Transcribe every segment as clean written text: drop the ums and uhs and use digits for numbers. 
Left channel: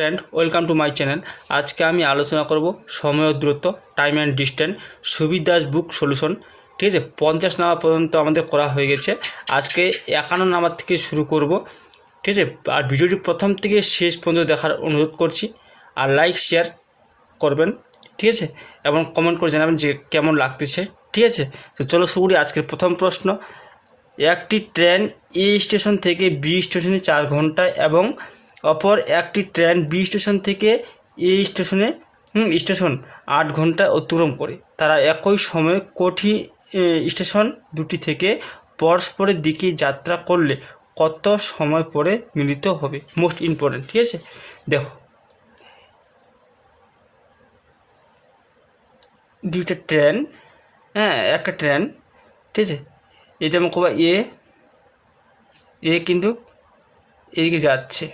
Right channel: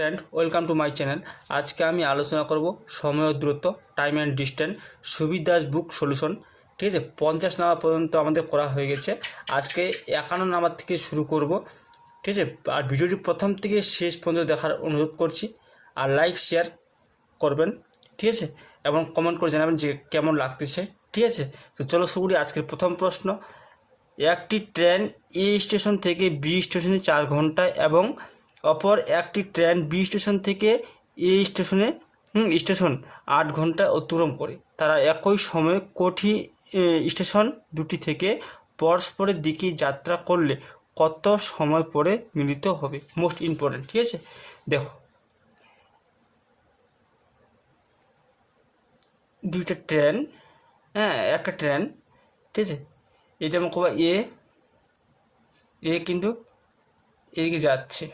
Friend, welcome to my channel. আজকে আমি আলোচনা করব সময় ও দূরত্ব, time and distance, Subir Das book solution. ঠিক আছে, 50 নাম্বার পর্যন্ত আমাদের করা হয়ে গেছে। আজকে 51 নাম্বার থেকে শুরু করব। ঠিক আছে, আর ভিডিওটি প্রথম থেকে শেষ পর্যন্ত দেখার অনুরোধ করছি। আর লাইক শেয়ার করবেন, ঠিক আছে, এবং কমেন্ট করে জানাবেন যে কেমন লাগতেছে। ঠিক আছে, তো চলো শুরু করি। আজকের প্রথম প্রশ্ন, একটি ট্রেন এ স্টেশন থেকে বি স্টেশনে 4 ঘন্টায় এবং অপর একটি ট্রেন বি স্টেশন থেকে এ স্টেশন 8 ঘন্টায় অতিক্রম করে। তারা একই সময়ে কোটি স্টেশন দুটি থেকে পরস্পরের দিকে যাত্রা করলে কত সময় পরে মিলিত হবে? Most important. ঠিক আছে, দেখো দুইটা ট্রেন, একটা ট্রেন, ঠিক আছে, এটা আমি কবা এ কিন্তু এদিকে যাচ্ছে,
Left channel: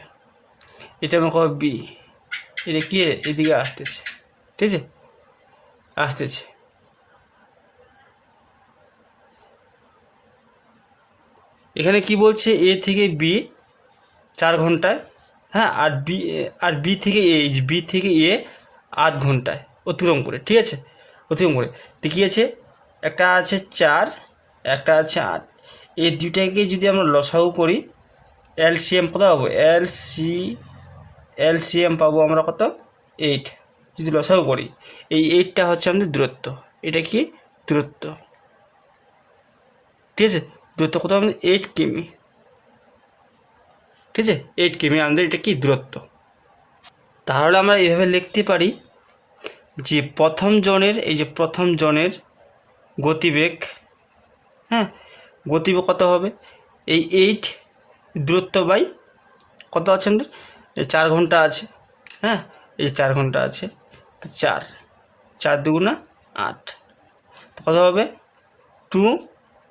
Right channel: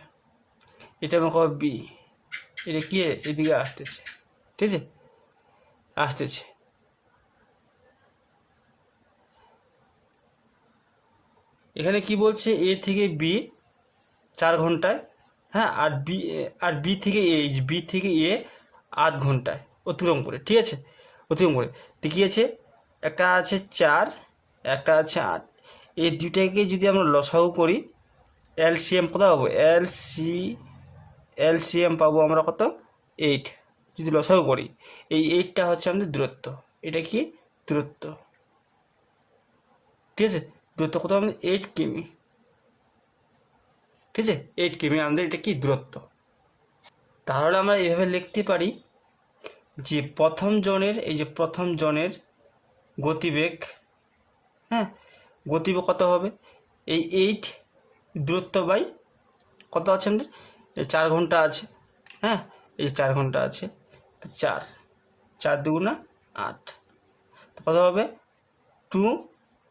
এটা আমি কবা বি, এটা কি এদিকে আসতেছে, ঠিক আছে, আসতেছে। এখানে কি বলছে, এ থেকে বি 4 ঘন্টায়, আর বি থেকে এ 8 ঘন্টায় অতিক্রম করে। ঠিক আছে, অতিক্রম করে দেখিয়েছে। একটা আছে 4, একটা আছে 8। এই দুইটাকে যদি আমরা লসাগু করি, এলসিএম কত পাবো? এলসিএম পাবো আমরা কত? 8। যদি লসাগু করি, এই 8টা হচ্ছে আমাদের দূরত্ব। এটা কি দূরত্ব? ঠিক আছে, দূরত্ব কত আমাদের? 8 কিমি। ঠিক আছে, 8 কিমি আমাদের এটা কি দূরত্ব। তাহলে আমরা এইভাবে লিখতে পারি যে প্রথম জনের গতিবেগ, গতিবেগ কত হবে? এই 8 দূরত্ব বাই কত আছে আমাদের? 4 ঘন্টা আছে, এই 4 ঘন্টা আছে, তো 4 দুগুণা 8, কত হবে? 2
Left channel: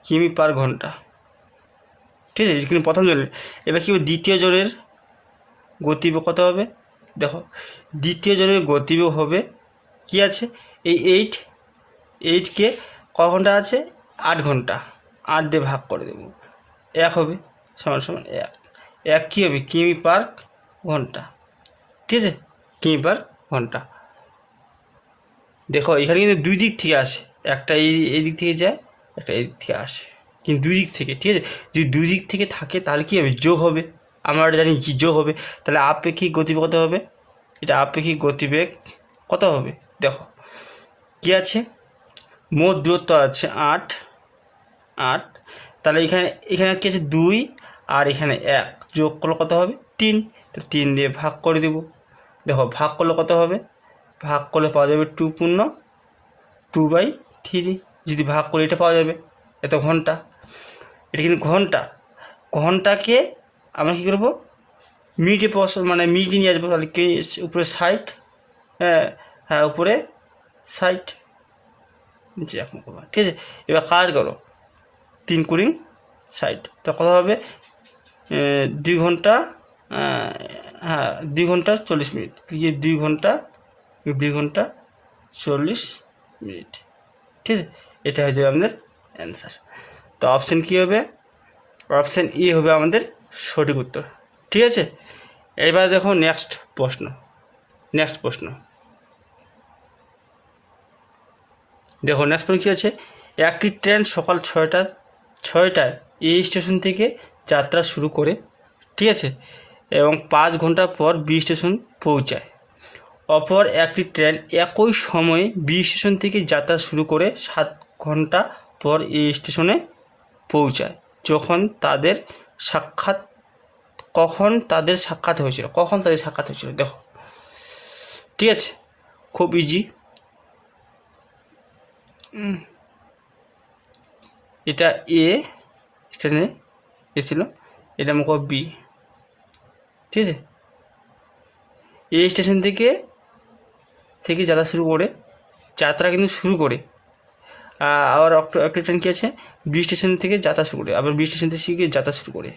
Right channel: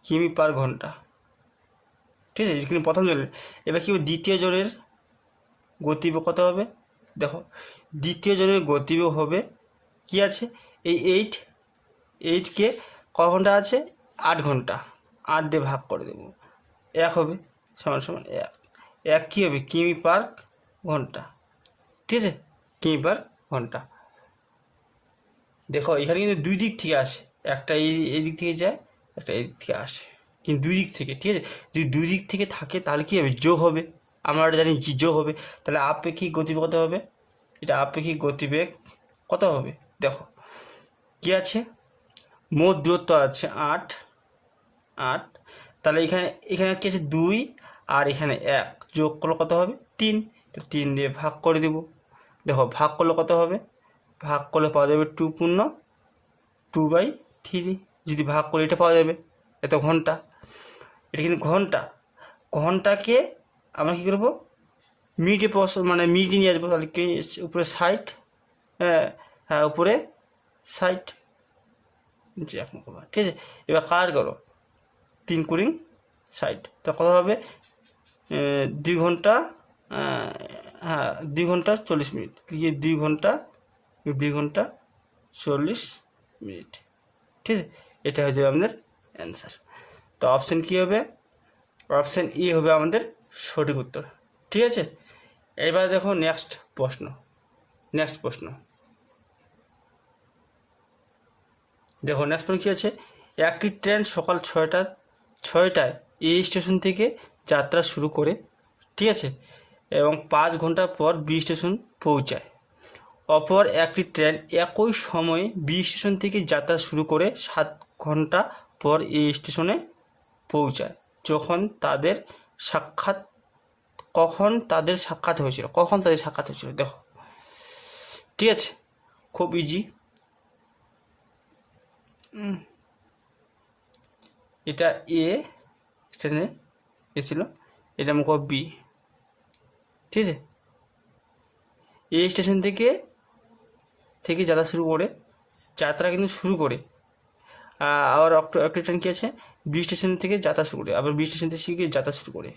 কিমি পার ঘন্টা। ঠিক আছে, কিন্তু প্রথম জনের। এবার কি দ্বিতীয় জনের গতিবেগ কত হবে? দেখো, দ্বিতীয় জনের গতিবেগ হবে কি আছে? এই 8কে ক ঘন্টা আছে? 8 ঘন্টা। 8 দিয়ে ভাগ করে দেবো, 1 হবে, সমান 1 কী হবে? কিমি পার ঘন্টা। ঠিক আছে, কিমি পার ঘন্টা। দেখো এখানে কিন্তু দুই দিক থেকে আসে, একটা এই দিক থেকে যায়, একটা এই দিক থেকে আসে, কিন্তু দুই দিক থেকে। ঠিক আছে, যদি দুই দিক থেকে থাকে তাহলে কী হবে? যোগ হবে। আমরা জানি কি যোগ হবে। তাহলে আপেক্ষিক গতিবেগ কত হবে? এটা আপেক্ষিক গতিবেগ কত হবে? দেখো কি আছে, মোট দূরত্ব আছে 8, তাহলে এখানে কি আছে? 2, আর এখানে 1 যোগ করলে কত হবে? 3। তো 3 দিয়ে ভাগ করে দেব। দেখো ভাগ করলে কত হবে? ভাগ করলে পাওয়া যাবে 2/3। যদি ভাগ করে এটা পাওয়া যাবে এত ঘন্টা। এটা কিন্তু ঘন্টাকে আমরা কী করবো? মিনিটে মিনিটে নিয়ে আসবো। তাহলে কি উপরে 60, উপরে 60, নিচে 1 করবো। ঠিক আছে, এবার কাজ করো, 3 কুড়ি 60, তো কত হবে? 2 ঘন্টা, 2 ঘন্টা 40 মিনিট। 2 ঘন্টা 40 মিনিট। ঠিক আছে, এটা হয়ে যাবে আমাদের অ্যান্সার। তো অপশান কী হবে? অপশান ই হবে আমাদের সঠিক উত্তর। ঠিক আছে, এবার দেখো নেক্সট প্রশ্ন। দেখো নেক্সট প্রশ্ন কী আছে? একটি ট্রেন সকাল 6টায় এই স্টেশন থেকে যাত্রা শুরু করে, ঠিক আছে, এবং 5 ঘন্টা পর বি স্টেশন পৌঁছায়। অপর একটি ট্রেন একই সময়ে বি স্টেশন থেকে যাত্রা শুরু করে 7 ঘন্টা পর এই স্টেশনে পৌঁছায়। কখন তাদের সাক্ষাৎ হয়েছিল? দেখো, ঠিক আছে, খুব ইজি। এটা এ স্টেশনে এসেছিল, এটা মুখ বি। ঠিক আছে, এ স্টেশন থেকে যাত্রা শুরু করে, আবার একটা ট্রেন কী আছে? বি স্টেশন থেকে যাত্রা শুরু করে, আবার বি স্টেশন থেকে যাত্রা শুরু করে।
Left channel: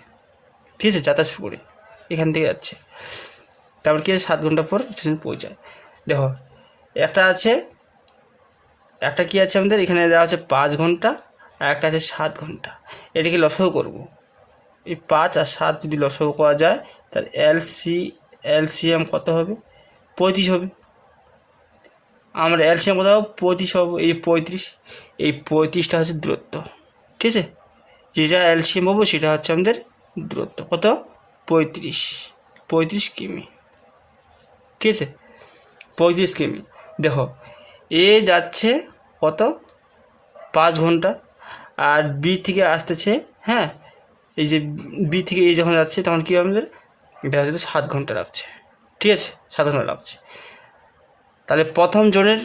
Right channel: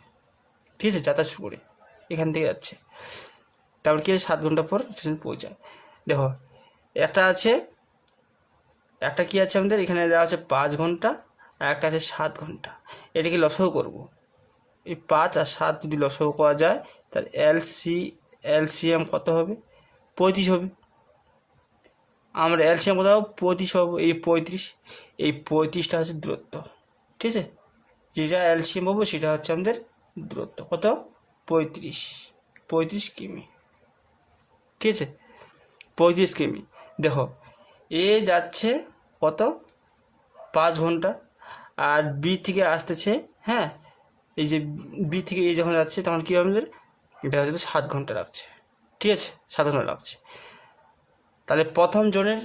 ঠিক আছে, এখান থেকে যাচ্ছে, তারপর কী আছে? 7 ঘন্টা পর স্টেশন পৌঁছায়। দেখো একটা কি আছে আমাদের এখানে দেওয়া আছে 5 ঘন্টা, আর একটা আছে 7 ঘন্টা। এটাকে লসাগু করব। এই 5 আর 7 যদি লসাগু করা যায়, তাহলে এলসিএম কত হবে? 35 হবে। আমরা এলসিএম কত হবে? 35 পাবো। এই 35টা হচ্ছে দূরত্ব, ঠিক আছে? যেটা এলসিএম পাবো সেটা হচ্ছে আমাদের দূরত্ব। কত? 35 কিমি, ঠিক আছে? 35 কিমি। দেখো এ যাচ্ছে কত? 5 ঘন্টা, আর বি থেকে আসতেছে, হ্যাঁ, এই যে বি থেকে এই যখন যাচ্ছে তখন কী আমাদের এটা হচ্ছে 7 ঘন্টা লাগছে, ঠিক আছে? 7 ঘন্টা লাগছে। তাহলে প্রথম জনের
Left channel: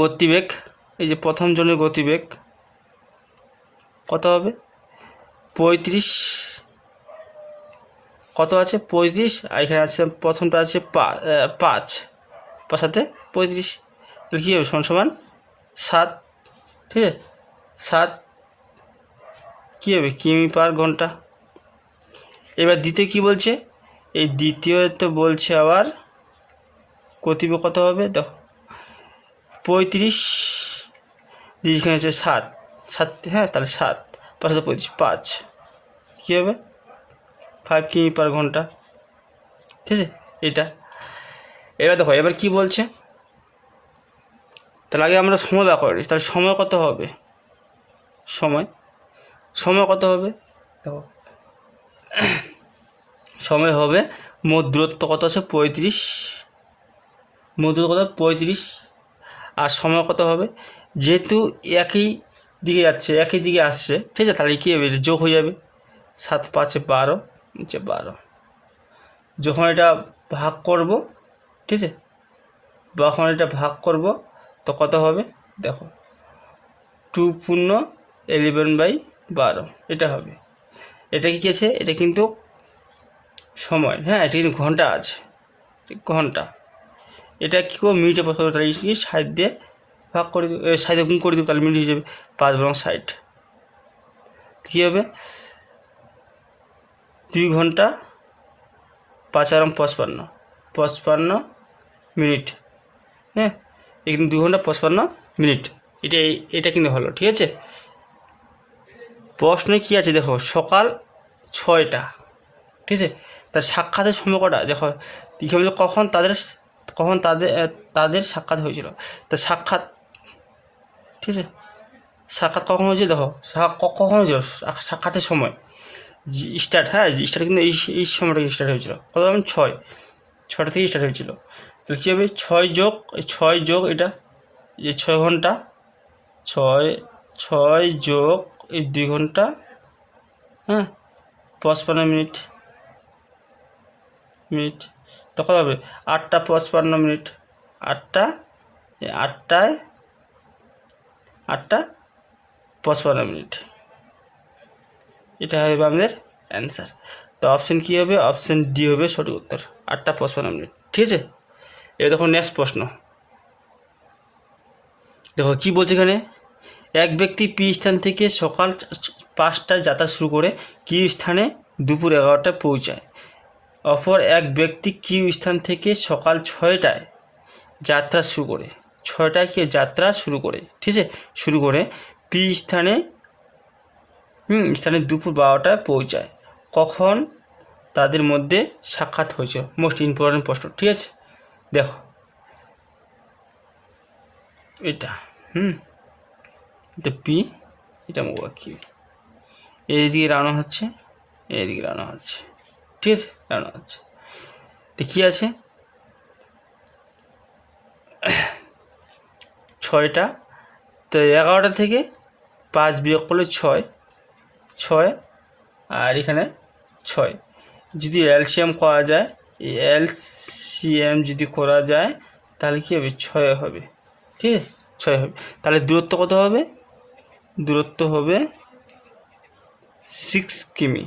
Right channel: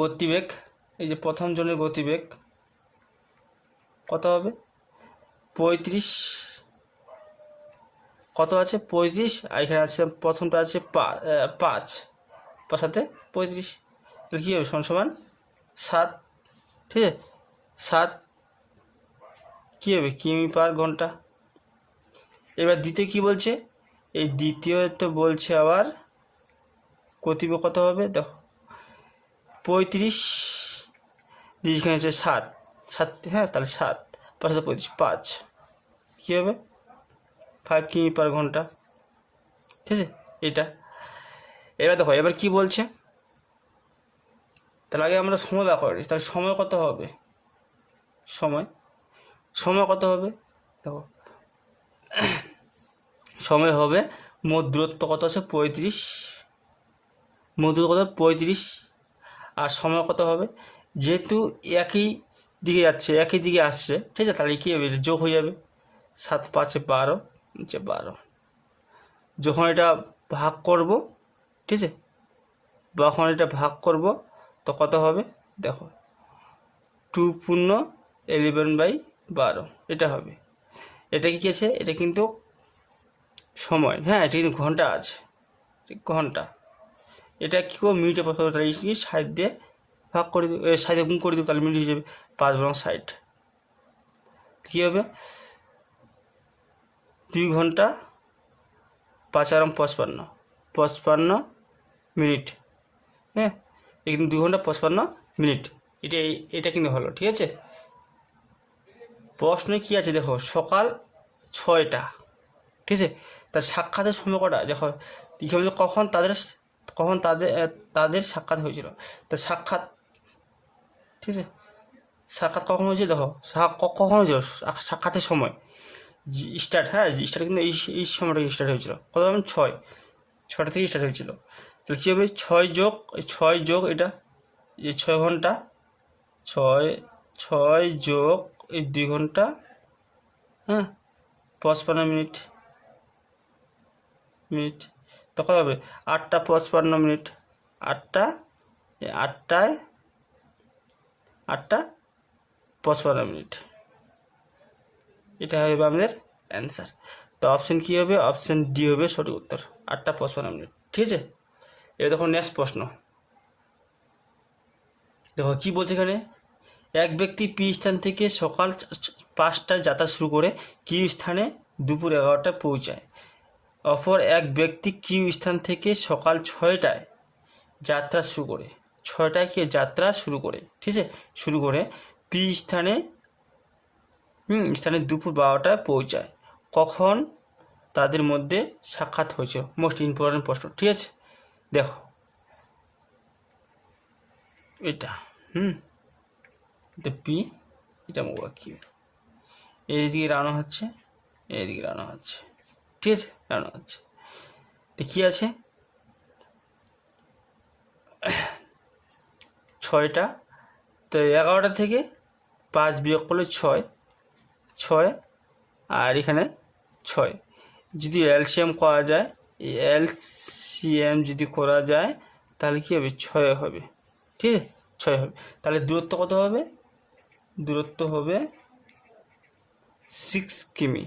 গতিবেগ, এই যে প্রথম জনের গতিবেগ কত হবে? 35, কত আছে? 35, আর এখানে আছে প্রথমটা আছে 5 সাথে 35, তাহলে কী হবে? সমান 7, ঠিক আছে? 7 কী হবে? কিমি পার ঘন্টা। এবার দ্বিতীয় কী বলছে? এই দ্বিতীয় তো বলছে আবার গতিবেগ কত হবে? দেখো 35, এখানে আছে 7, হ্যাঁ, তাহলে 7 5 35, 5 কী হবে? 5 কিমি পার ঘন্টা, ঠিক আছে? এটা এবার দেখো এবার কি বলছে, তাহলে আগে আমরা সময় বার করে নিই। তাহলে সময় কত হবে? সময় কত হবে? দেখো সময় হবে, মোট দূরত্ব কত আছে? 35, মোট দূরত্ব কত? 35, আর সময় কত হবে? যেহেতু একই দিকে যাচ্ছে, একই দিকে আসছে, ঠিক আছে? তাহলে কী হবে? যোগ হয়ে যাবে। 7 5 12, 12। যখন এটা ভাগ করব, ঠিক আছে, যখন এটা ভাগ করব তো কত হবে? দেখো 2 পূর্ণ 11/12 এটা হবে। এটা কি আছে? এটা কিন্তু সময়, হ্যাঁ, এটা কিন্তু ঘন্টা আছে, ঘন্টা। এটা কী করবো? মিনিটে বসাবো, তাহলে 60 দিয়ে ভাগ করে দেবো, 60 গুণ করে দেবো, তাহলে মিনিট হয়ে যাবে 5 বরং 60। কী হবে? 2 ঘন্টা 5 আর 55 মিনিট, হ্যাঁ, এখানে 2 ঘন্টা 55 মিনিট। এটা কিন্তু হলো, ঠিক আছে? প্রশ্নে কী আছে দেখো? সকাল 6টা, ঠিক আছে? তা সাক্ষাতের সময় কটা? দেখো কী বলছে? কখন তাদের সাক্ষাৎ হয়েছিল। তা সাক্ষাৎ, ঠিক আছে, সাক্ষাৎ কখন হয়েছিল? দেখো কখন হয়েছিল সাক্ষাতের সময়? স্টার্ট, হ্যাঁ, স্টার্ট কিন্তু এই সময়টা স্টার্ট হয়েছিল। কত? 6টা থেকে স্টার্ট হয়েছিল। তাহলে কী হবে? 6 যোগ এটা, যে 6 ঘন্টা, 6 যোগ এই 2 ঘন্টা, হ্যাঁ, 55 মিনিট, তো কত হবে? 8টা 55 মিনিট, 8টায় 55 মিনিট। এটা হবে আমাদের অ্যান্সার। তো অপশান কী হবে? অপশান ডি হবে সঠিক উত্তর, 8টা 55 মিনিট, ঠিক আছে? এবার দেখো নেক্সট প্রশ্ন। দেখো কী বলছে এখানে? এক ব্যক্তি পি স্থান থেকে সকাল 5টায় যাত্রা শুরু করে কিউ স্থানে দুপুর 11টায় পৌঁছায়। অপর এক ব্যক্তি কিউ স্থান থেকে সকাল 6টায় যাত্রা শুরু করে, 6টায় কি যাত্রা শুরু করে, ঠিক আছে, শুরু করে পি স্থানে দুপুর 12টায় পৌঁছায়। কখন তাদের মধ্যে সাক্ষাৎ হয়েছে? মোস্ট ইম্পর্টেন্ট প্রশ্ন, ঠিক আছে? দেখো এটা এটা পি, এটা কিউ, এইদিকে রানো হচ্ছে, এইদিকে রানো হচ্ছে, ঠিক আছে, রানো হচ্ছে। তো কী আছে? 6টা, তো 11টা থেকে 5 বিয়োগ করলে 6, আর এখানে 6। যদি এলসিএম করা যায়, এলসিএম যদি করা যায় তাহলে কী হবে? 6 হবে, ঠিক আছে, 6 হবে। তাহলে দূরত্ব কত হবে? দূরত্ব হবে 6 কিমি,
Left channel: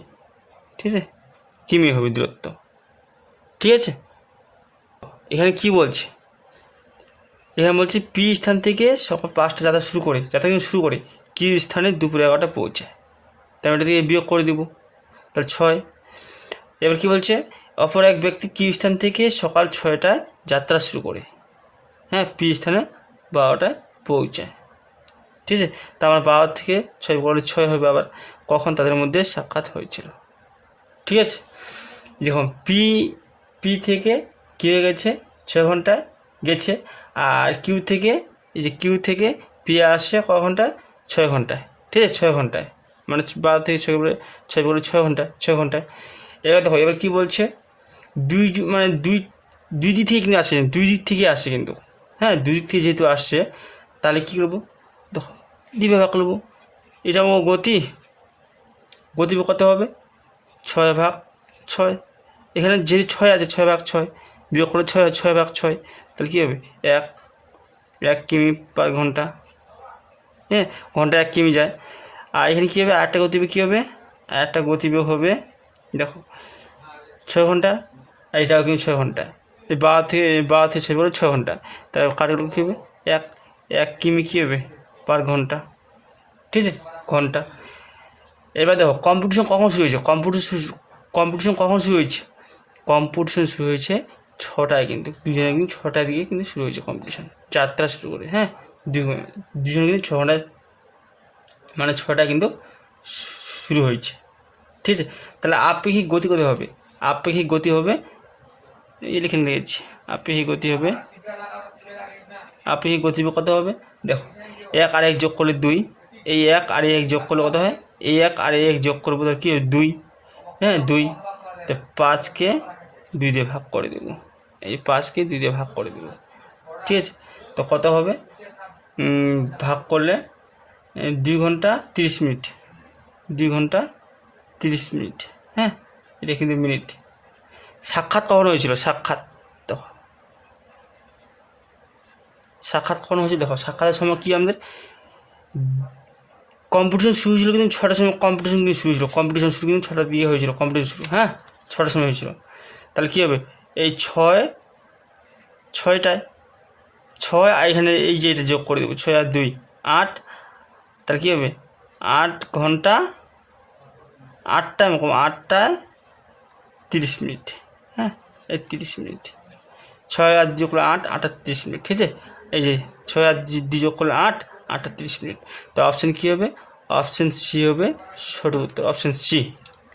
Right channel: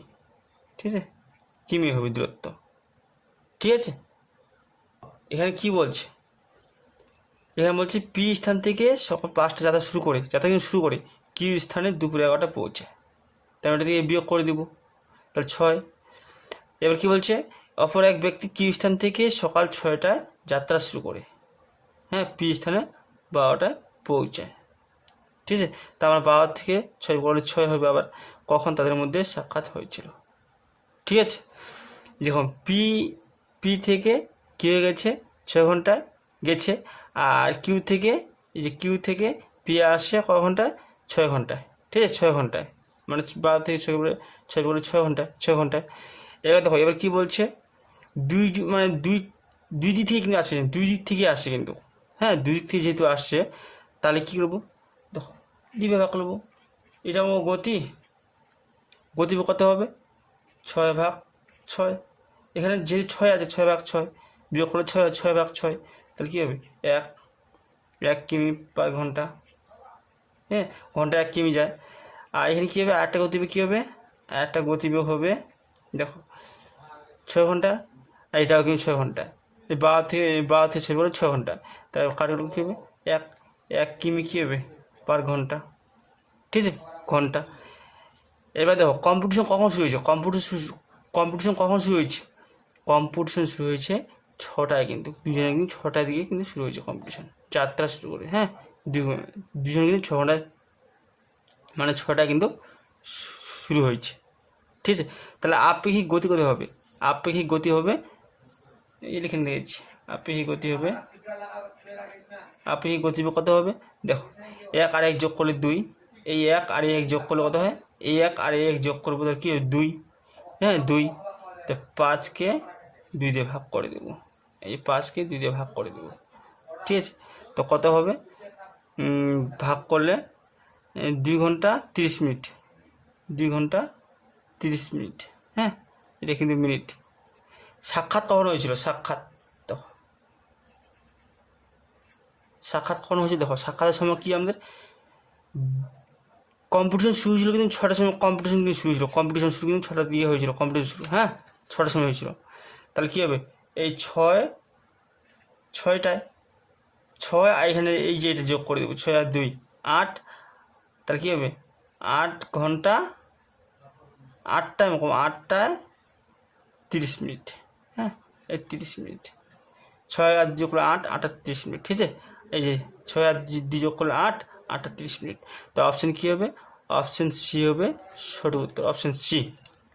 ঠিক আছে, কিমি হবে দূরত্ব, ঠিক আছে? এখানে কি বলছে? এখানে বলছে পি স্থান থেকে সকাল 5টা যাত্রা শুরু করে কিউ স্থানে দুপুর 11টা পৌঁছায়। তাই এটা থেকে বিয়োগ করে দেবো, তাহলে 6। এবার কি বলছে? অপর এক ব্যক্তি কিউ স্থান থেকে সকাল 6টায় যাত্রা শুরু করে, হ্যাঁ, পি স্থানে 12টায় পৌঁছায়, ঠিক আছে? তা আমার 12 থেকে 6 বলে 6 হবে। আবার কখন তাদের মধ্যে সাক্ষাৎ হয়েছিল, ঠিক আছে? দেখুন পি থেকে কী হয়ে গেছে 6 ঘন্টা গেছে, আর কিউ থেকে পি আসছে ক ঘন্টায় 6 ঘন্টায়, ঠিক আছে 6 ঘন্টায়, মানে 12 থেকে 6 ঘন্টা 6 ঘন্টায়। এবার দেখো এবার কী বলছে, দুই দিক থেকে কিন্তু আসছে, দুই দিক থেকে আসছে কিন্তু, হ্যাঁ দুই দিক থেকে যেহেতু আসছে তাহলে কী করবো, দেখো দুইভাবে ভাগ করবো। এটা আমার গতি কত হবে 6/6, এখানে যেহেতু 6 আছে 6/6 বিয়োগ করে 6/6, তাহলে কী হবে 1 কিমি পার ঘন্টা, হ্যাঁ ঘন্টা 1 কিমি যায়। আর এখানে কী হবে আরেকটা গতিবেগ কী হবে, আরেকটা গতিবেগ হবে দেখো 6 ঘন্টা, আর এটাও কিন্তু 6 ঘন্টা, এই 12 থেকে 6 করে 6 ঘন্টা, তাই কাটাগুলো কী হবে 1 কিমি কী হবে পার ঘন্টা, ঠিক আছে ঘন্টা। এবার দেখো কম্পিটিশন কখন শুরু হয়েছে, কম্পিটিশন কখন শুরু হয়েছে, কম্পিটিশন শুরু হয়েছে 6টায়, কিন্তু দুজনে কিন্তু 6টার দিকে কিন্তু শুরু হয়েছে কম্পিটিশন, যাত্রা শুরু করে, হ্যাঁ দুজনে কিন্তু 6 ঘন্টায় মানে 6টায় কিন্তু শুরু হয়েছে, ঠিক আছে। তাহলে আপেক্ষিক গতি কত হবে, আপেক্ষিক গতি হবে এই লিখে দিয়েছি, আপেক্ষিক গতি হবে, আপেক্ষিক গতি কত হবে দেখো 1 আর 1 যোগ করলে 2, এই 1 আর 1 যোগ করলে কত হয়, এই 1 আর 1 যোগ করবো তো কী 2, হ্যাঁ 2, তো 5কে 2 দিয়ে ভাগ করে দেবো, এই 5কে 2 দিয়ে ভাগ করে দেবো, ঠিক আছে। তো কত হবে ভাগ করলে 2 ঘন্টা 30 মিনিট, 2 ঘন্টা 30 মিনিট, হ্যাঁ এটা কিন্তু মিনিট। সাক্ষাৎ কখন হয়েছিল, সাক্ষাৎ কখন হয়েছিল দেখো, সাক্ষাতের সময় কি আমাদের কম্পিটিশন শুরু হয়েছিল কিন্তু 6টার সময়, কম্পিটিশন কিন্তু শুরু হয়েছিল, কম্পিটিশন শুরু কিন্তু 6টার দিকে হয়েছিল, কম্পিটিশন শুরু, হ্যাঁ 6টার সময় হয়েছিল। তাহলে কী হবে এই 6টায় আর এখানে এই যে এটা যোগ করে দেবো 6 আর 2 8, তাহলে কী হবে 8 ঘন্টা 8টায় 30 মিনিট, হ্যাঁ এই 30 মিনিট, 6 আর যোগ করলে 8 আর 30 মিনিট, ঠিক আছে। এই যে 6 আর 2 যোগ করলে 8 আর 30 মিনিট, তো অপশান কী হবে, অপশান সি হবে সঠিক উত্তর, অপশান সি,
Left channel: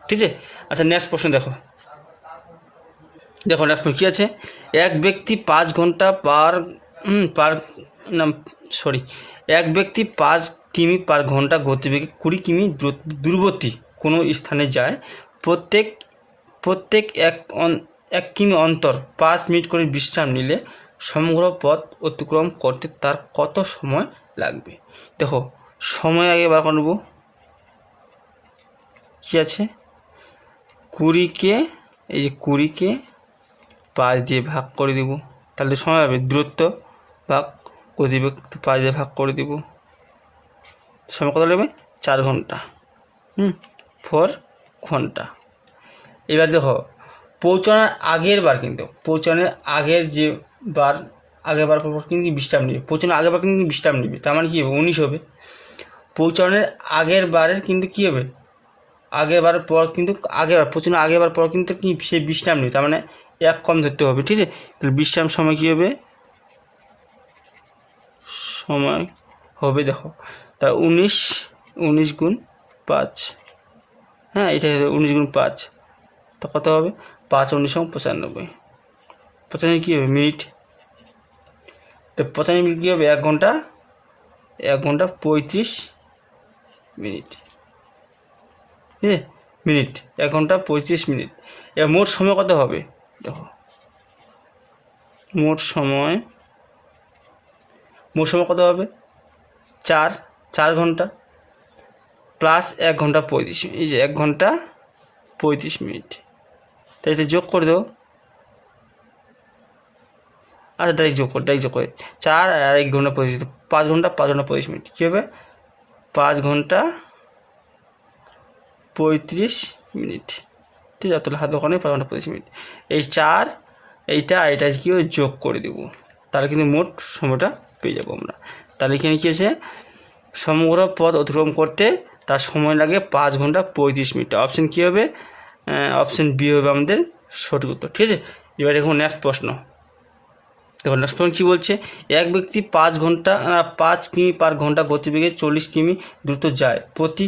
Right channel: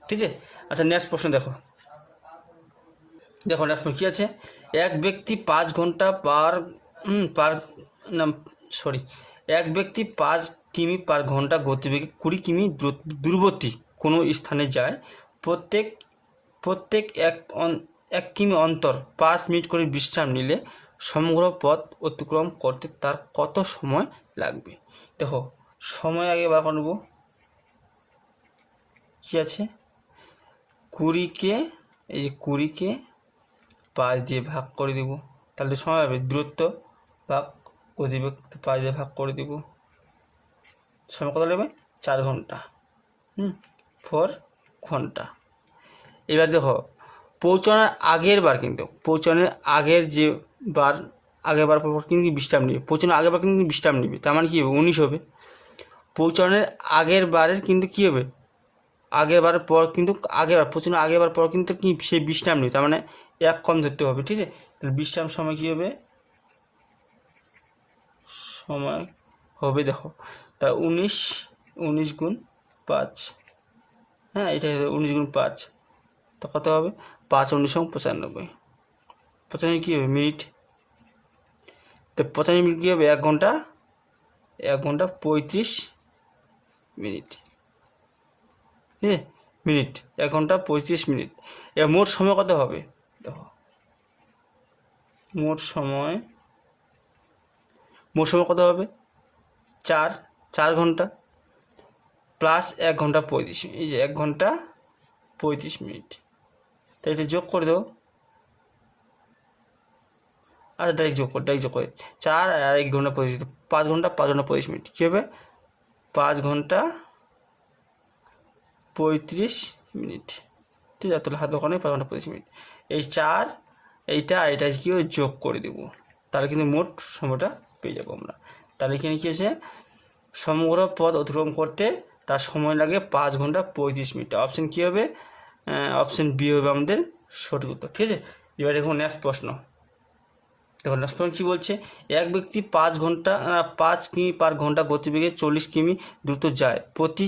ঠিক আছে। আচ্ছা নেক্সট প্রশ্ন দেখো নেক্সট প্রশ্ন কী আছে, এক ব্যক্তি 5 ঘন্টা এক ব্যক্তি 5 কিমি পার ঘন্টা গতিবেগে 20 কিমি দূরবর্তী কোনো স্থানে যায়, প্রত্যেক 1 কিমি অন্তর 5 মিনিট করে বিশ্রাম নিলে সমগ্র পথ অতিক্রম করতে তার কত সময় লাগবে। দেখো সময় আগে বার করব, কী আছে 20কে 5 দিয়ে ভাগ করে দেব, তাহলে সময় হবে দূরত্ব ভাগ গতিবেগ 5 দিয়ে ভাগ করে দেব, সময় কত লাগবে 4 ঘন্টা, 4 ঘন্টা। এবার দেখো পৌঁছানোর আগের বার পর কিন্তু বিশ্রাম নেবে, পৌঁছানোর আগের বার কিন্তু বিশ্রাম নেবে, তার মানে কী হবে 19 হবে। পৌঁছানোর আগের বারের কিন্তু কী হবে পৌঁছানোর আগের বার পর কিন্তু কি সে বিশ্রাম নেবে, তার মানে 1 কম ধরতে হবে, ঠিক আছে। তাহলে বিশ্রাম সময় কী হবে, সময় হবে দেখো তা 19 গুণ 5, হ্যাঁ এটা 19 গুণ 5, তো কত হবে 5 19 95, প্রথমে কী হবে মিনিট, তো 95 মিনিট কী হবে 1 ঘন্টা 35 মিনিট, মিনিট 1 ঘন্টা 35 মিনিট। এবার মোট সময় কত হবে দেখো, মোট সময় কত হবে 4 ঘন্টা প্লাস 1 ঘন্টা 35, এই যে 1 ঘন্টা 35 মিনিট, তো এটা যোগ করে দেবো, আচ্ছা ডাইরেক্ট যোগ করে 4 আর 1 ঘন্টা 35, 5 ঘন্টা 35 মিনিট, কী হবে 5 ঘন্টা 35 মিনিট, ঠিক আছে। তাহলে হাত দোকানে 5 ঘন্টা 35 মিনিট, এই 4 এটা কী হবে যোগ করে দেবো, তাহলে কিন্তু মোট সময়টা পেয়ে যাবো আমরা। তাহলে এখানে কী আছে সমগ্র পথ অতিক্রম করতে তার সময় লাগে 5 ঘন্টা 35 মিনিট, অপশান কী হবে, অপশান বি হবে আমাদের সঠিক উত্তর, ঠিক আছে। এবার দেখুন নেক্সট প্রশ্ন, দেখো নেক্সট পয়েন্ট কী বলছে, এক ব্যক্তি 5 কিমি পার ঘন্টা গতিবেগে 40 কিমি দ্রুত যায়, প্রতি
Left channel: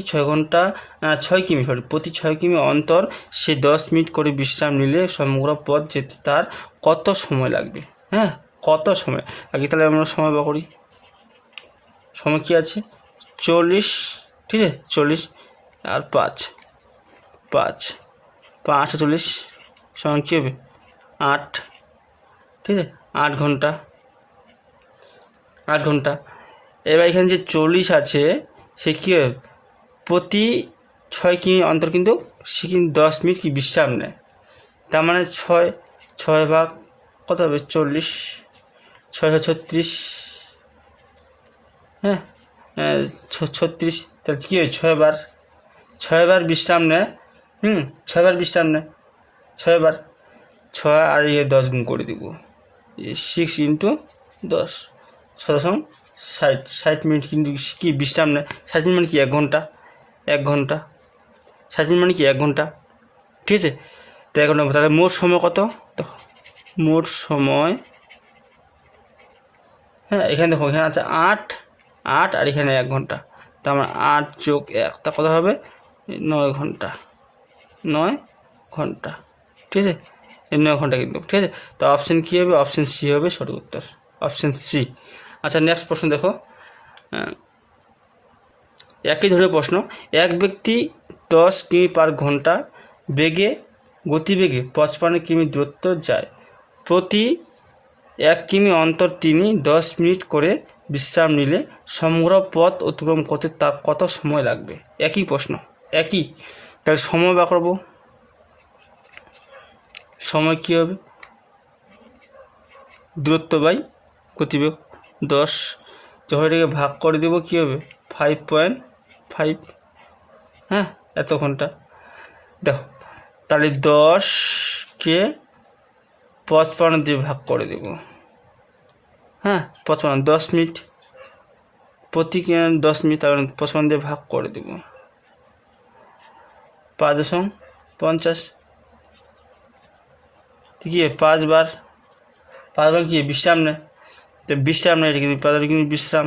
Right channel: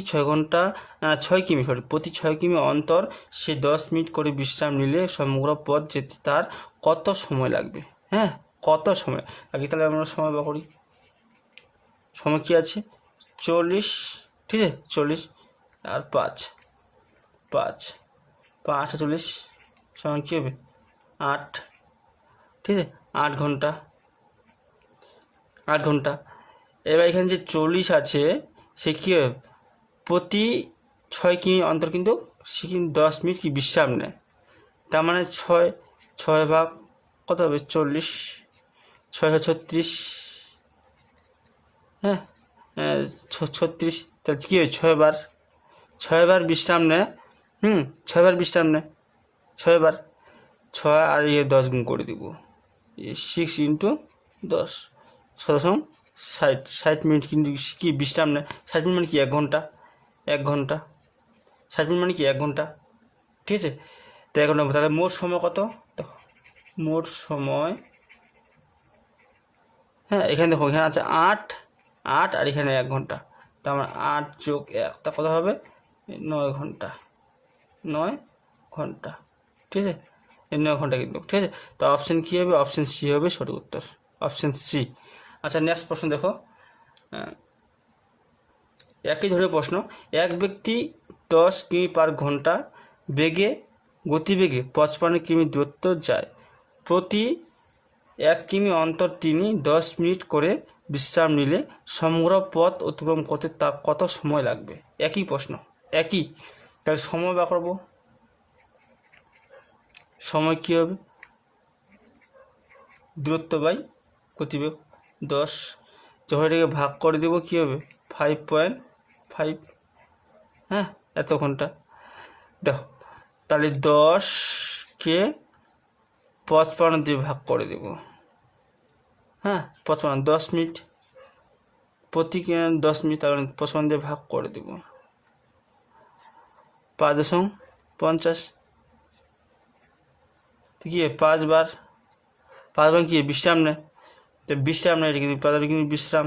6 কিমি অন্তর সে 10 মিনিট করে বিশ্রাম নিলে সমগ্র পথ যেতে তার কত সময় লাগবে? হ্যাঁ, কত সময় আগে তাহলে আমরা সময় বার করি। সময় কী আছে 40, ঠিক আছে, 40 আর 5 40 সময় কী হবে 8, ঠিক আছে, 8 ঘন্টা। এবার এখানে যে 40 আছে সে কী হবে প্রতি 6 কিমি অন্তর কিন্তু সে কিন্তু 10 মিনিট কি বিশ্রাম নেয়। তার মানে 6 ভাগ কত হবে 40, 6 36, হ্যাঁ 36, তাহলে কী হয় 6 বার বিশ্রাম নেয়। 6 বার বিশ্রাম নেয়, 6 বার 6 আর 10 গুণ করে দেবো, 6 ইন্টু 10 60 মিনিট কিন্তু কি বিশ্রাম নেয়। 60 মিনিট মানে কি 1 ঘন্টা, 60 মিনিট মানে কি 1 ঘন্টা, ঠিক আছে। তো 1 ঘন্টা তাহলে মোট সময় কত? তো মোট সময়, হ্যাঁ এখানে দেখো এখানে আছে 8 আর এখানে 1 ঘন্টা, তো আমার 8 যোগ 1 তা কত হবে 9 ঘন্টা, ঠিক আছে, 9 ঘন্টা কিন্তু, ঠিক আছে। তো অপশান কী হবে? অপশান সি হবে সঠিক উত্তর, অপশান সি। আচ্ছা নেক্সট প্রশ্ন দেখো, একই ধরনের প্রশ্ন, এক ব্যক্তি 10 কিমি পার ঘন্টা গতিবেগে 55 কিমি দূরত্ব যায়, প্রতি 1 কিমি অন্তর তিনি 10 মিনিট করে বিশ্রাম নিলে সমগ্র পথ অতিক্রম করতে তার কত সময় লাগবে? একই প্রশ্ন, তাহলে সময় বার করবো। সময় কী হবে দূরত্ব বাই গতিবেগ 10, যখন এটাকে ভাগ করে দেবো কী হবে 5.5, হ্যাঁ এত ঘন্টা। দেখো তাহলে 10কে 55 দিয়ে ভাগ করে দেবো, হ্যাঁ 55 10 মিনিট, প্রতি 10 মিনিট তার 55 দিয়ে ভাগ করে দেবো, 5.50, ঠিক আছে। 5 বার কি বিশ্রাম নেয়, তো বিশ্রাম নেয় এটা কিন্তু 5 বার কিন্তু বিশ্রাম,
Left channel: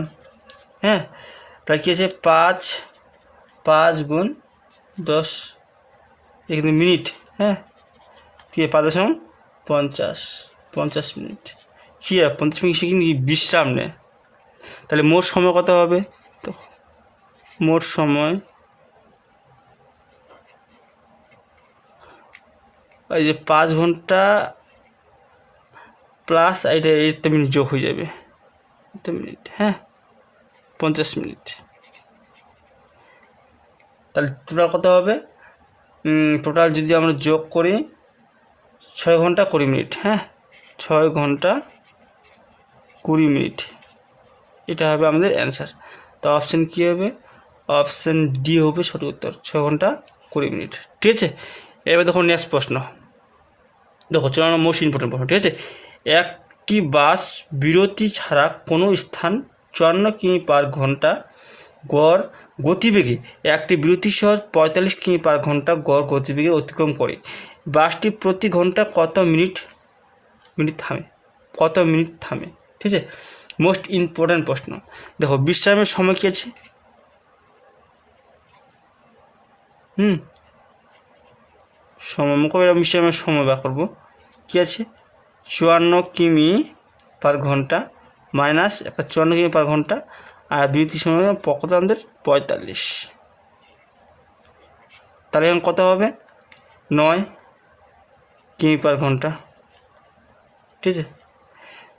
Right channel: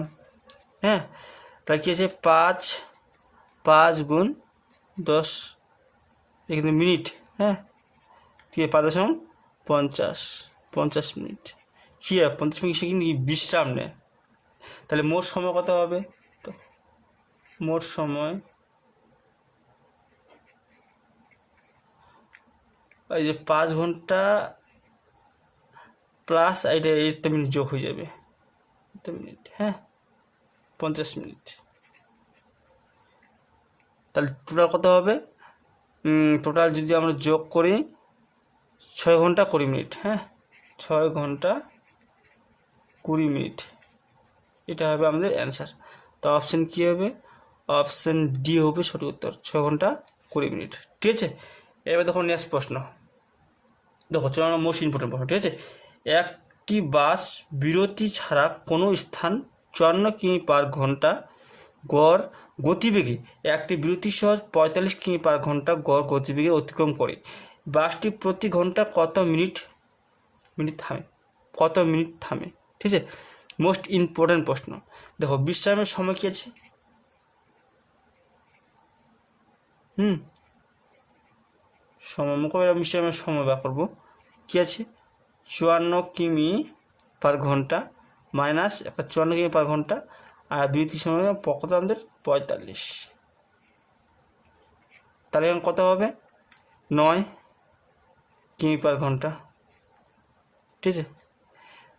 হ্যাঁ তাহলে কী আছে 5 গুণ 10 কিন্তু মিনিট, হ্যাঁ ঠিক আছে 5.50 মিনিট, কী হয় 50 মিনিট সে কিন্তু বিশ্রাম নেয়। তাহলে মোট সময় কত হবে? তো মোট সময় ওই যে 5 ঘন্টা প্লাস এটা 8 মিনিট যোগ হয়ে যাবে, 8 মিনিট, হ্যাঁ 50 মিনিট। তাহলে টোটাল কত হবে? টোটাল যদি আমরা যোগ করি 6 ঘন্টা 20 মিনিট, হ্যাঁ 6 ঘন্টা 20 মিনিট, এটা হবে আমাদের অ্যান্সার। তো অপশান কী হবে? অপশান ডি হবে সঠিক উত্তর, 6 ঘন্টা 20 মিনিট, ঠিক আছে। এবার দেখো নেক্সট প্রশ্ন, দেখো চলো মোস্ট ইম্পর্টেন্ট প্রশ্ন, ঠিক আছে। একটি বাস বিরতি ছাড়া কোনো স্থান 54 কিমি পার ঘন্টা গড় গতিবেগে, একটি বিরতি সহ 45 কিমি পার ঘন্টা গড় গতিবেগে অতিক্রম করে, বাসটি প্রতি ঘন্টা কত মিনিট থামে, ঠিক আছে। মোস্ট ইম্পর্ট্যান্ট প্রশ্ন। দেখো বিশ্রামের সময় কী আছে? সময় মোকাবিলা বিশ্রামের সময় বার করবো, কী আছে 54 কিমি পার ঘন্টা মাইনাস 54 কিমি পার ঘন্টা, আর বিরতির সময় কত আমাদের 45, তাহলে এখন কত হবে 9 কিমি পার ঘন্টা, ঠিক আছে।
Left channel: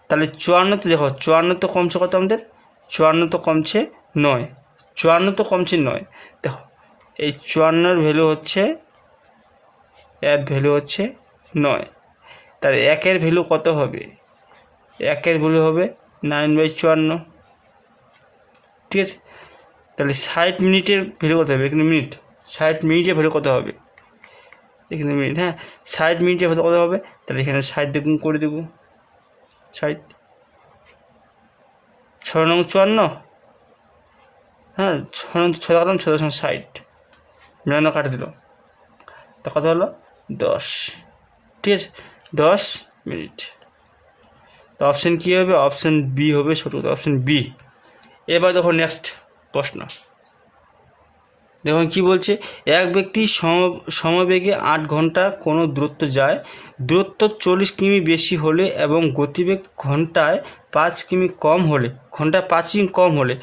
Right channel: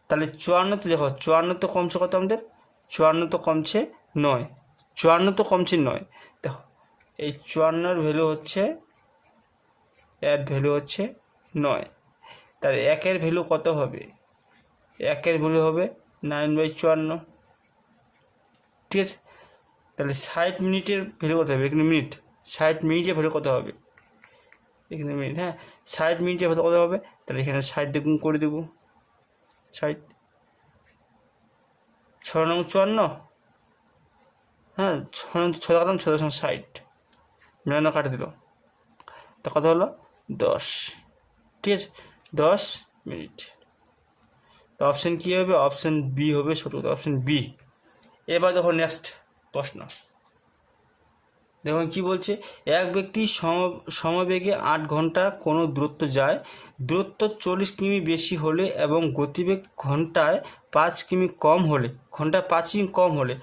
তাহলে 54 তো দেখো 54 তো কমছে কত আমাদের 54 তো কমছে 9, 54 তো কমছে 9, দেখো এই 54 ভ্যালু হচ্ছে 9, তাহলে 1-এর ভ্যালু কত হবে? 1-এর ভ্যালু হবে 9/54, ঠিক আছে। তাহলে 60 মিনিটের ভ্যালু কত হবে? এখানে মিনিট, 60 মিনিটের ভ্যালু কত হবে? এখানে মিনিট, হ্যাঁ 60 মিনিটের ভ্যালু কত হবে? তাহলে এখানে 60 দিয়ে গুণ করে দেবো, 60 6 9 54, হ্যাঁ 6 90 কাটে দিল, তা কত হলো 10, ঠিক আছে 10 মিনিট, তো অপশান কী হবে? অপশান বি হবে সঠিক উত্তর, অপশান বি। এবার দেখো নেক্সট প্রশ্ন, দেখুন কি বলছে, এক ব্যক্তি সমবেগে 8 ঘন্টা কোনো দূরত্ব যায়, দূরত্ব 40 কিমি বেশি হলে এবং গতিবেগ ঘন্টায় 5 কিমি কম হলে,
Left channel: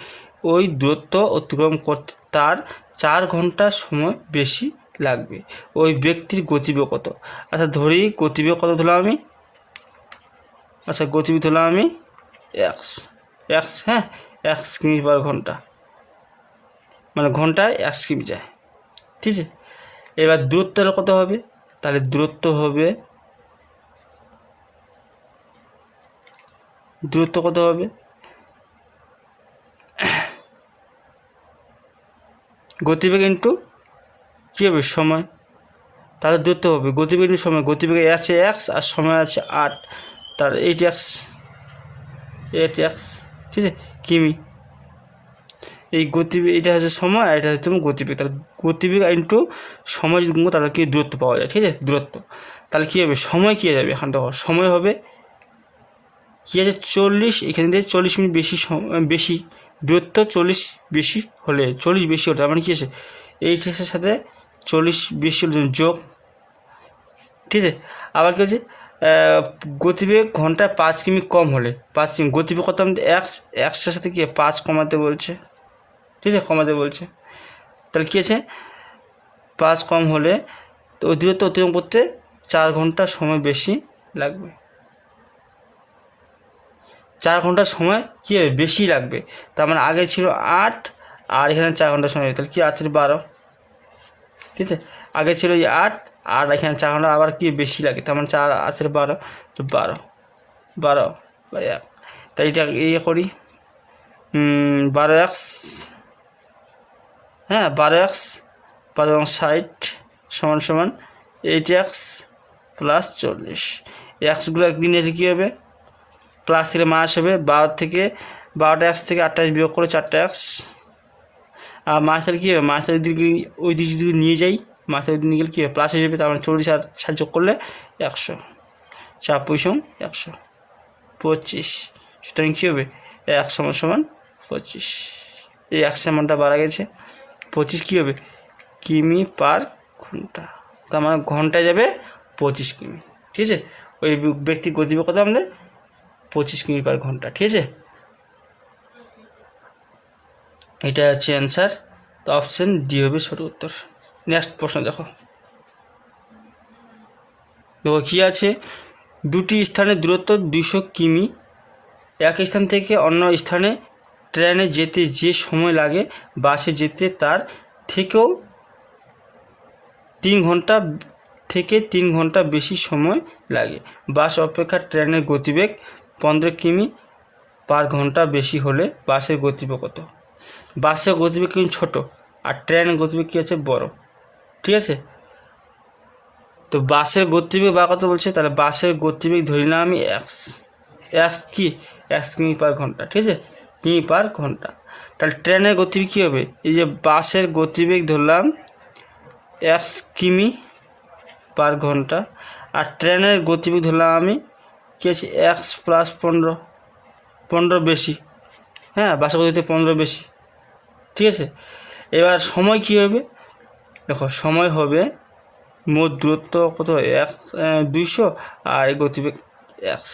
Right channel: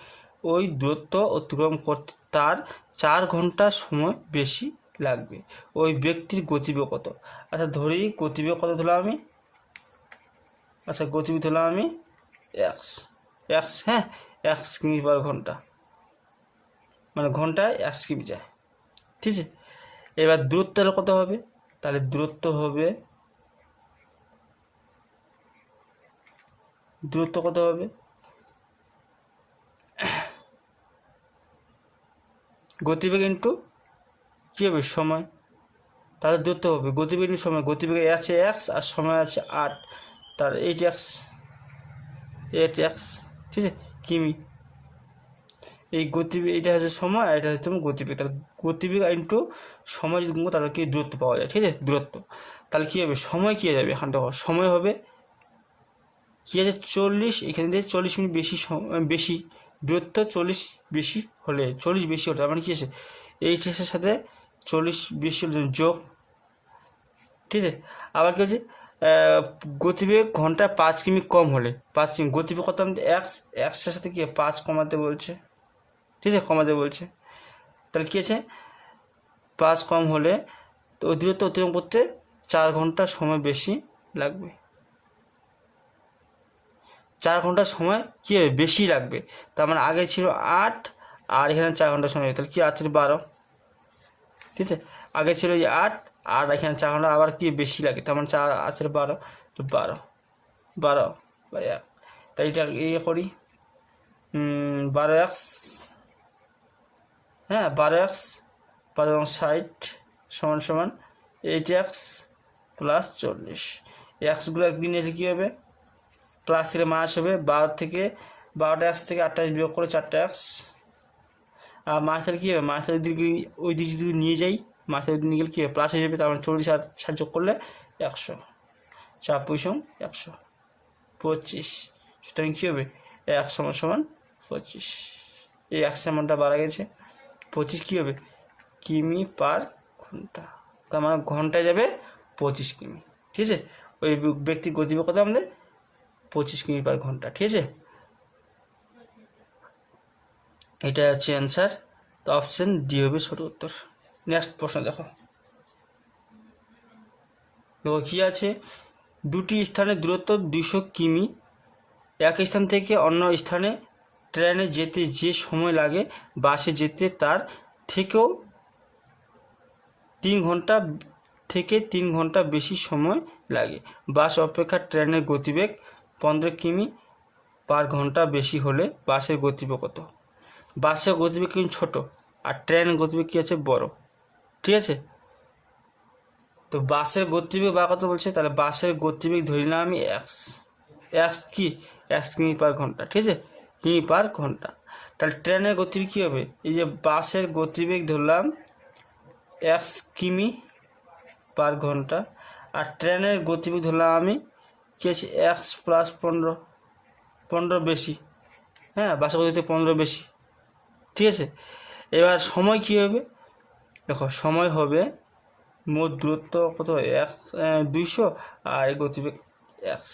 ওই দূরত্ব অতিক্রম করতে তার 4 ঘন্টা সময় বেশি লাগবে। ওই ব্যক্তির গতিবেগ কত? আচ্ছা ধরি গতিবেগ কত ধরলাম আমি, গতিবেগ ধরলাম আমি এক্স, হ্যাঁ, 1 কিমি পার ঘন্টা, মানে ঘন্টায় 1 কিমি যায়, ঠিক আছে। এবার দূরত্বটা কত হবে? তাহলে দূরত্ব কত হবে? গতিবেগ ইন্টু কী হবে? সময়। তাহলে দূরত্ব হবে গতিবেগ ইন্টু সময়। গতিবেগে আছে 1 আর সময় আছে 8, তার 8x, ঠিক আছে, কিমি। এই গতিবেগ, এটা হচ্ছে সময় আর এটা হচ্ছে তোমার গতিবেগ। তাহলে গতিবেগ ইন্টু সময় যদি গুণ তাহলে কি দূরত্ব পাওয়া যায়, ঠিক আছে, দূরত্ব। তাহলে কী হবে? সময় কী হয়ে যাবে? এখান থেকে সময় হবে কী আছে? 40, এখান থেকে 40 মিনিট বেশি দূরত্ব, 40 বেশি হলে, 40 বেশি হলে তার মানে কী আছে? এই টেক্সের সাথে 40 বেশি হলে যোগ, ঠিক আছে। আবার কী হচ্ছে? গতিবেগ ঘন্টায় 5 কিমি কম হলে, 5 কিমি গতিবেগ কত? আমাদের এক্সের সাথে কি 5 কমাতে বলছে, ঠিক আছে, কমাতে বলছে। তাহলে কী আছে? 5 কম হলে তো ওই দূরত্ব অতিক্রম করতে 4 ঘন্টা সময় বেশি লাগবে। 4 ঘন্টা সময় কী হবে? বেশি লাগবে। তার মানে আগে ছিল 8 আর এখানে 4 ঘন্টা সময়, তাহলে কি আছে? 12, ঠিক আছে। আগে ছিল 8 আর এখানে 4 ঘন্টা আবার কি বেশি লাগে, তার মানে 4 আছে 12, তো 12 তাই এটা ইয়ে করি, 12x, হ্যাঁ 12x 60 সমান 8x প্লাস 40। এক্সগুলো একদিন এসে কী হবে? প্লাস থেকে মাস হবে, 12টা x থেকে 28 বিয়োগ করে 4টা x, আর মাসের কী হবে? মাসের দিকে ওই দিকে যদি নিয়ে যাই, মাসের দিকে নিয়ে গেলে কী হবে? প্লাস হয়ে যাবে, তার মানে 40 আর 60 যোগ করলে 100, 4 পয়সা 125, সুতরাং কী হবে? 1 সমান 25। এই 1 মানটা বাড়া গেছে, 25 কী হবে? কিমি পার ঘন্টা, তার মানে ঘন্টায় যাবে 25 কিমি, ঠিক আছে। ওই ব্যক্তির গতিবেগ কত? আমাদের 25 কিমি পার ঘন্টা, ঠিক আছে। এটা হচ্ছে অ্যান্সার, তো অপশান ডি হবে সঠিক উত্তর। নেক্সট প্রশ্ন দেখো কী আছে, দুটি স্থানের দূরত্ব 200 কিমি, এক স্থান থেকে অন্য স্থানে ট্রেনে যেতে যে সময় লাগে বাসে যেতে তার থেকেও 3 ঘন্টা বেশি সময় লাগে। বাস অপেক্ষা ট্রেনের গতিবেগ 15 কিমি পার ঘন্টা বেশি হলে বাসের গতিবেগ কত? বাসের গতিবেগ কিন্তু ছোটো আর ট্রেনের গতিবেগ কী আছে? বড়, ঠিক আছে। তো বাসের গতিবেগ বা কত বলছে? তাহলে বাসের গতিবেগ ধরে নিলাম আমি এক্স কি 1 কিমি পার ঘন্টা, ঠিক আছে, কিমি পার ঘন্টা। তাহলে ট্রেনের গতিবেগ কী হবে? এই যে বাসের গতিবেগ ধরলাম 1 কিমি পার ঘন্টা, আর ট্রেনের গতিবেগ ধরলাম আমি কী আছে? এক্স প্লাস 15 বেশি, হ্যাঁ, বাসের গতিবেগ 15 বেশি, ঠিক আছে। এবার সময় কী হবে? দেখো সময় হবে মোট দূরত্ব কত? 200 আর গতিবেগ 1,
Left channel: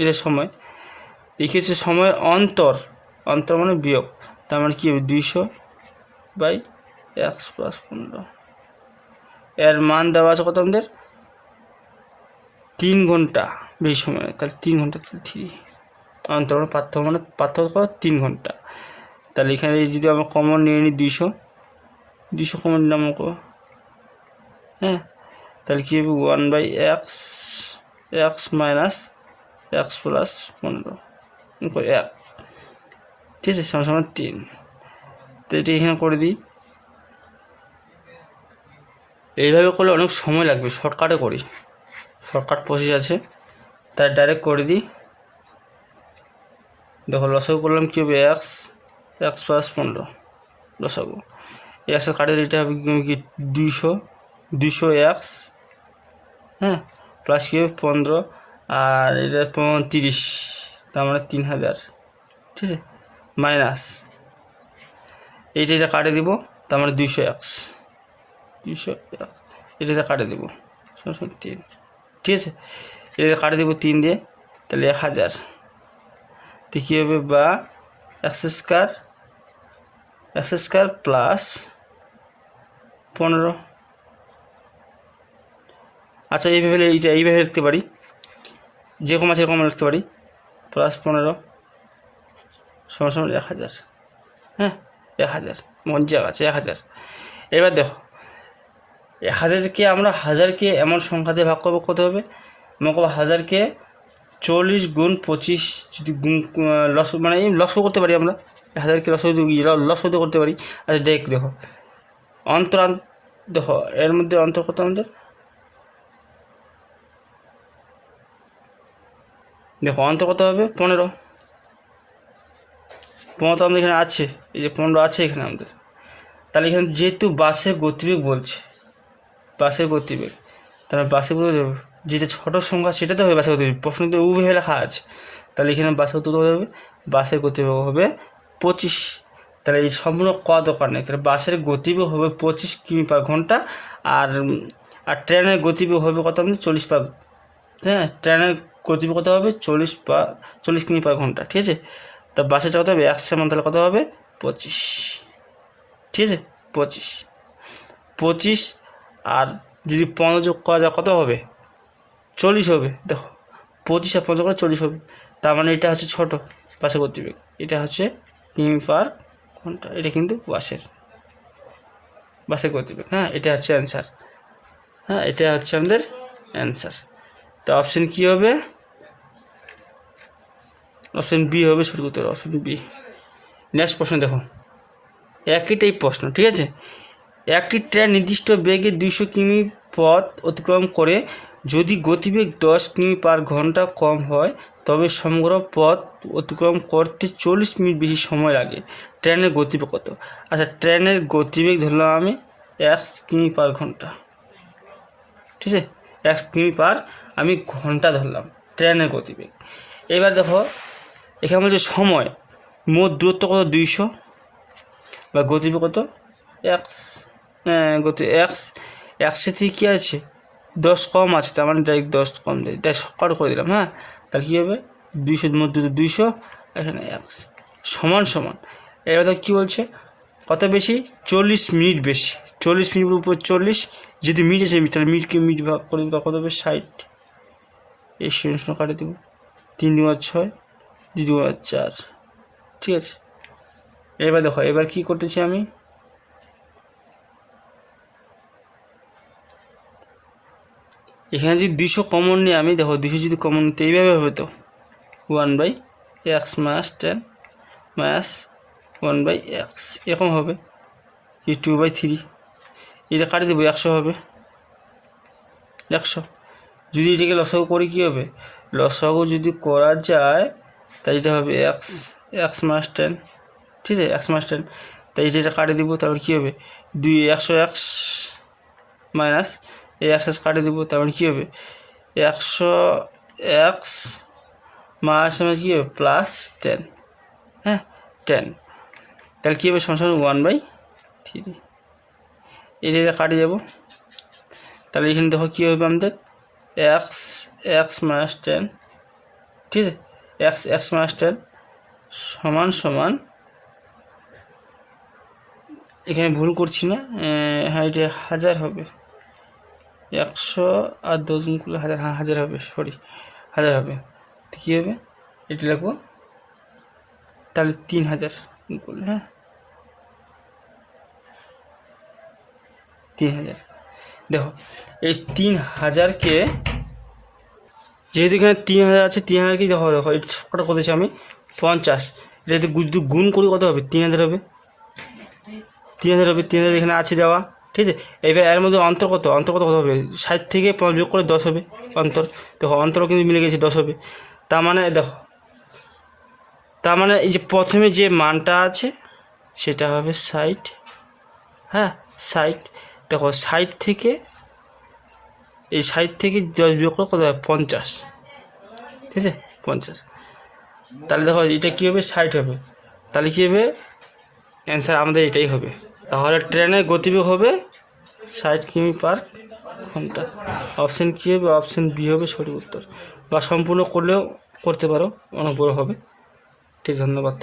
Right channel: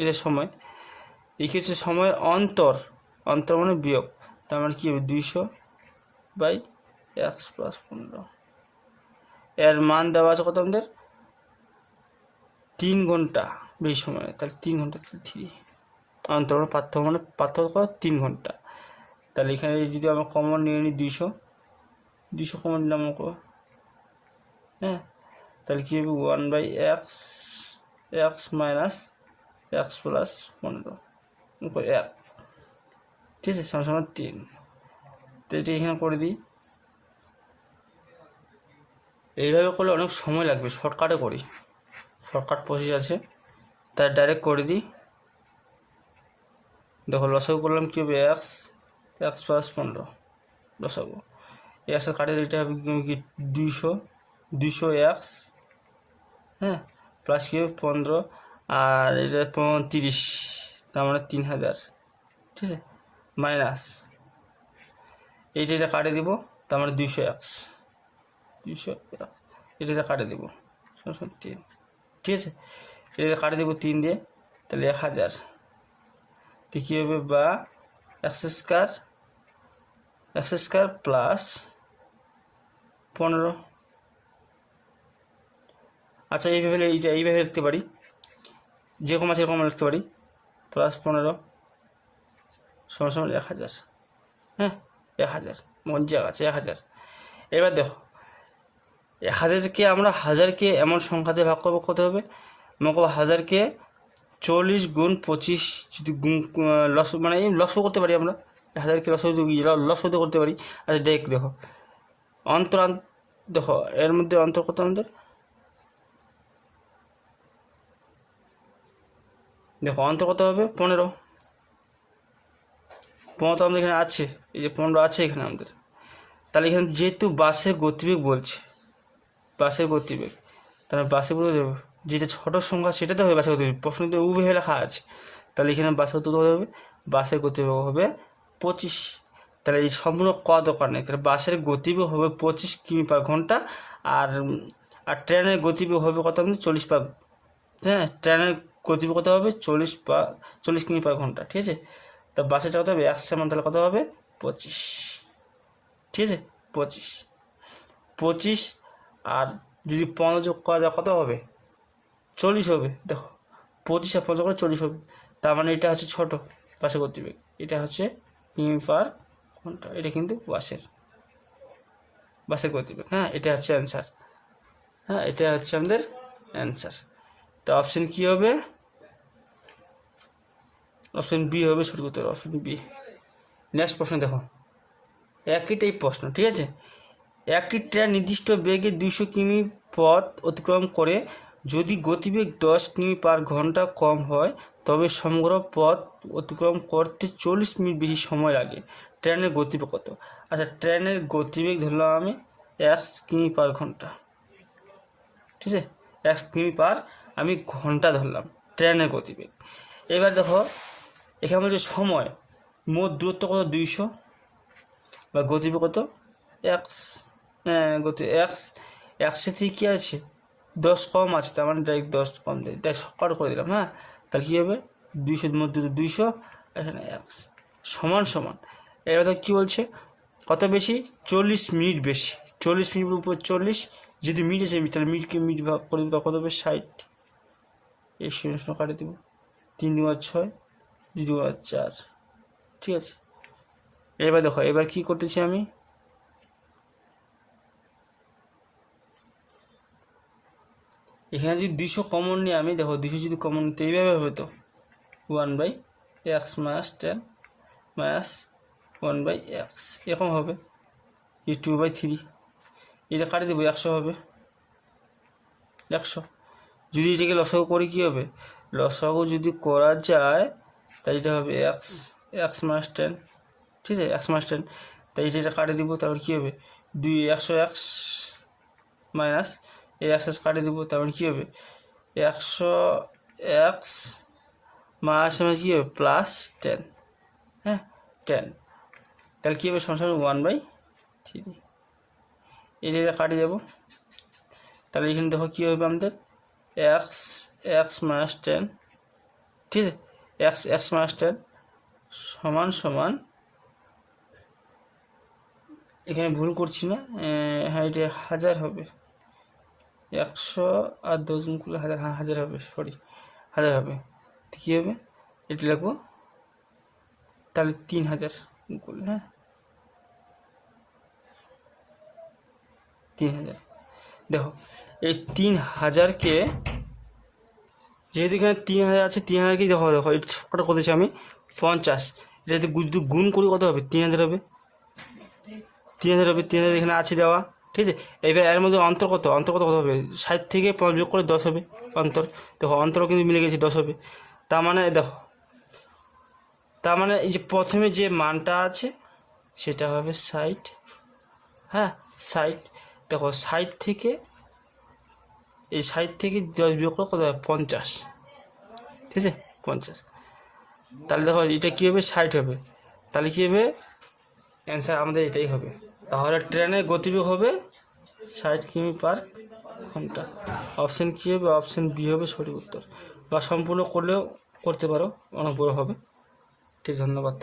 এটা সময়। লিখেছে সময়ের অন্তর মানে বিয়োগ, তার মানে কী হবে? 200/x plus 15। এর মান দেওয়া আছে কত আমাদের? 3 ঘন্টা বেশি সময়, তাহলে 3 ঘন্টা, 3 অন্তর মানে পার্থক্য 3 ঘন্টা। তাহলে এখানে যদি আমরা কমন নিয়ে নিই 200 কমন নিলাম, হ্যাঁ, তাহলে কী হবে? 1/x মাইনাস x প্লাস 15 1, ঠিক আছে, সমান 3। তো এটা এখানে করে দিই, এইভাবে করলে অনেক সময় লাগবে, শর্টকাটে করি, শর্টকাট প্রসেস আছে, তাই ডাইরেক্ট করে দিই। দেখো লসাগু করলাম কী হবে? x প্লাস 15 লসাগু, এক্সের কাটে এটা হবে কি 200x, হ্যাঁ, প্লাস কী হবে 15, আর এটা 30, তার মানে 3000, ঠিক আছে, মাইনাস এটা কাটে দিব, তার মানে 200x, এটা কাটে দেবো 3, ঠিক আছে, এটা কাটে দেবো 3 দিয়ে, তাহলে 1000, তো কী হবে, বা x স্কোয়ার প্লাস 15। আচ্ছা এইভাবে লিখতে পারি, যে কম আছে এরকম লিখতে পারি, প্লাস 15 সমান 1000, হ্যাঁ 1000, মঞ্জা আছে 1000। এবার দেখো 1000কে আমরা হাজারকে এমন সংখ্যা দিয়ে ভাগ করবো, কত হবে, মনে করো 1000কে 40 গুণ 25 যদি গুণ মানে লসও করতে পারি আমরা, 1000কে লসও করতে পারি। আচ্ছা দেখো দেখো এর মধ্যে অন্তর কত আমাদের, দেখো অন্তর কত হবে 15 তো আমাদের এখানে আছে, এই যে 15 আছে এখানে আমাদের। তাহলে এখানে যেহেতু বাসের গতিবেগ বলছে, বাসের গতিবেগ, তাহলে বাসের গতিবেগ যেটা ছোটো সংখ্যা সেটা তো হবে বাসের গতিবেগ, প্রশ্ন তো উভয় লেখা আছে। তাহলে এখানে বাসের গতিবেগ হবে, বাসের গতিবেগ হবে 25। তাহলে এই সম্পূর্ণ দরকার নেই, তাহলে বাসের গতিবেগ হবে 25 কিমি পার ঘন্টা, আর ট্রেনের গতিবেগ হবে কত আমাদের 40 পার, হ্যাঁ ট্রেনের গতিবেগ কত হবে 40 কিমি পার ঘন্টা, ঠিক আছে। তা বাসেরটা কত হবে 100 মান, তাহলে কত হবে 25, ঠিক আছে 25। আর যদি 15 যোগ করা যায় কত হবে 40 হবে, দেখো 25 আর 15 করে 40 হবে, তার মানে এটা হচ্ছে ছোটো বাসের গতিবেগ, এটা হচ্ছে কিমি পার ঘন্টা, এটা কিন্তু বাসের গতিবেগ, হ্যাঁ এটা হচ্ছে অ্যান্সার, হ্যাঁ এটা হচ্ছে আমাদের অ্যান্সার। তো অপশন কী হবে, অপশন বি হবে সঠিক উত্তর, অপশন বি। নেক্সট প্রশ্ন দেখো, একইটাই প্রশ্ন, ঠিক আছে। একটি ট্রেন নির্দিষ্ট বেগে 200 কিমি পথ অতিক্রম করে, যদি গতিবেগ 10 কিমি পার ঘন্টা কম হয় তবে সমগ্র পথ অতিক্রম করতে 40 মিনিট বেশি সময় লাগে, ট্রেনের গতিবেগ কত? আচ্ছা ট্রেনের গতিবেগ ধরলাম আমি 1 কিমি পার ঘন্টা, ঠিক আছে 1 কিমি পার আমি ঘন্টা ধরলাম ট্রেনের গতিবেগ। এবার দেখো এখানে বলছে সময়, মোট দূরত্ব কত 200, বা গতিবেগ কত একশো থেকে কী আছে 10 কম আছে, তার মানে ডাইরেক্ট 10 কম দেয়, তাই সকাল করে দিলাম, হ্যাঁ তাহলে কী হবে 200 মধ্যে 200, এখানে 1 সমান। এবার তো কী বলছে কত বেশি 40 মিনিট বেশি, 40 মিনিটের উপর 40, যদি মিনিট আছে তাহলে মিনিট ভাগ করে দেবো, কত হবে 60, এই শূন্য কাটে দেবো, 3 2 6 2 2 4, ঠিক আছে। এবার দেখো এবার কী করতেছি আমি, এখানে যদি 200 কমন নিই আমি, দেখো 200 যদি কমন নিতে এইভাবে হবে, তো 1/x মাস 10 মাস 1/x এরকম হবে, কি 2/3, এটা কাটে দেবো 100 হবে, 100। যদি এটাকে লসাগু করি কী হবে, লসাগু যদি করা যায় তাই এটা হবে x মাস 10, ঠিক আছে x মাস 10, তাই এটা কাটে দেবো, তারপর কী হবে 100x মাইনাস এই x কাটে দেবো, তারপরে কী হবে 100x মাস কী হবে প্লাস 10, হ্যাঁ 10, তাহলে কী হবে সমান 1/3, এটা কাটে যাব, তাহলে এখানে দেখো কী হবে আমাদের x মাইনাস 10, ঠিক আছে x মাইনাস 10 সমান এখানে ভুল করছি না, হ্যাঁ এটা 1000 হবে, 100 আর 10 গুণ করলে 1000, হ্যাঁ 1000 হবে, সরি 1000 হবে, তো কী হবে এটা লিখবো, তাহলে 3000 গুণ করলে, হ্যাঁ 3000। দেখো এই 3000কে যেহেতু এখানে 3000 আছে, 3000কে দেখো এটা সবকটা করেছি আমি 50, এটা যদি গুণ করি কত হবে 3000 হবে, 3000 এখানে আছে দেওয়া, ঠিক আছে। এবার এর মধ্যে অন্তর কত হবে 60 থেকে 5 বিয়োগ করে 10 হবে অন্তর, দেখো অন্তরও কিন্তু মিলে গেছে 10 হবে, তার মানে এই যে প্রথমে যে মানটা আছে সেটা হবে 60, হ্যাঁ 60, দেখো 60 থেকে 10 বিয়োগ করে কত হবে 50, ঠিক আছে 50। তাহলে দেখো এটা কী হবে 60 হবে, তাহলে কী হবে অ্যান্সার আমাদের এটাই হবে। তাহলে ট্রেনের গতিবেগ হবে 60 কিমি/ঘন্টা। অপশান কী হবে? অপশান বি হবে সঠিক উত্তর, বা সম্পূর্ণ করলেও করতে পারো, অনেক বড় হবে। ঠিক, ধন্যবাদ।